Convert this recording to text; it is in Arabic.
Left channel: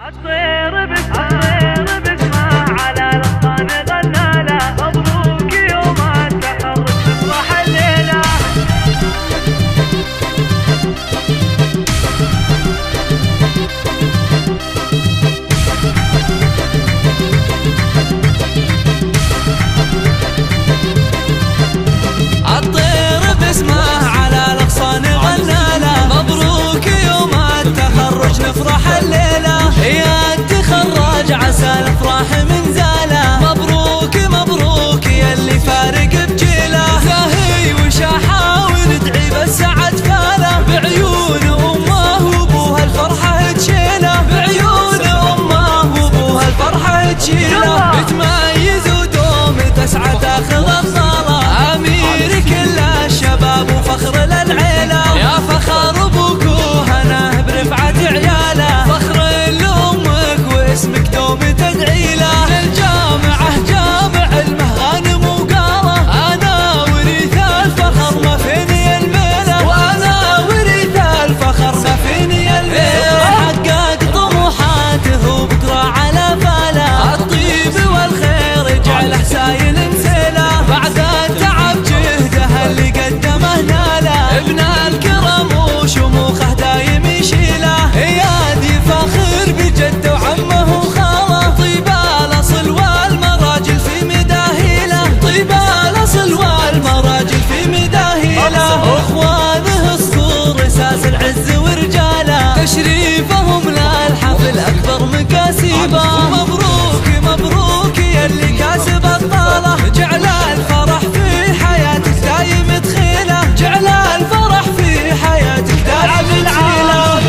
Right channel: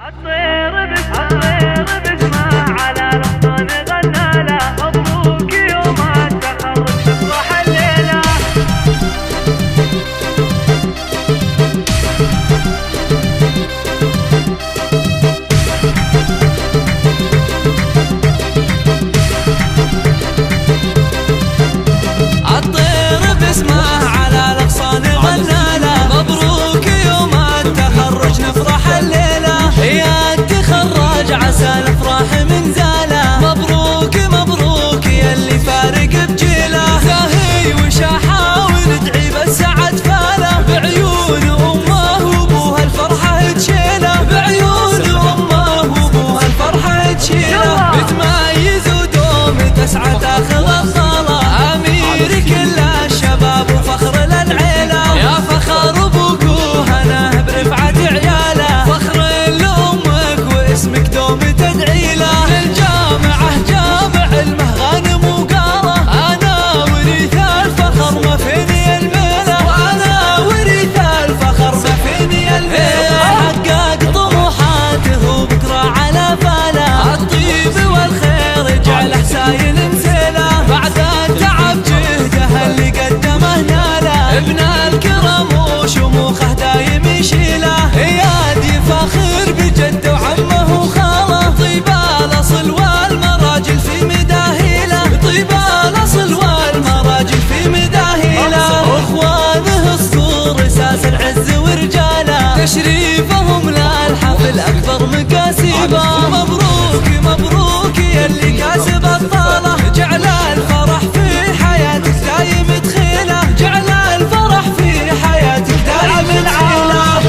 الطير باسمه على الاغصان غنى له، مبروك يوم التخرج نفرح الليله. الطير باسمه على الاغصان غنى له، مبروك يوم التخرج نفرح الليله. يا تخرج عسى الافراح من زاله، مبروك مبروك يا اللي فارق بجيله. زاهي وشاحه وندعي بالسعد فاله، بعيون امه وابوها الفرحه تشيله، بعيون امه وابوها الفرحه تشيله. بتميز ودوم تسعى تاخذ الصاله، امير كل الشباب وفخر للعيله. يا فخر ابوك وهناه برفعه عياله، فخر لامك واسمك دوم تدعي له. من الجامعه جامع المه غانم وقاله، انا وريث الفخر ما فيني الميله، وانا وريث الفخر ما فيني الميله. حقق طموحاته وبكره على فاله، الطيب والخير جعله سايل مسيله. بعد التعب جهده اللي قدمه ناله، ابن الكرم وشموخه دايم يشيله. ايادي فاخر بجده وعمه وخاله، طيب الاصل والمراجل في مداهيله، طيب الاصل والمراجل في مداهيله. اخوانه صقور اساس العز ورجاله، تشريفهم للحفل اكبر مكاسبه. مبروك مبروك يا اللي كاسب الطاله، جعل الفرح في حياتك دايم تخيله، جعل الفرح في حياتك دايم تخيله.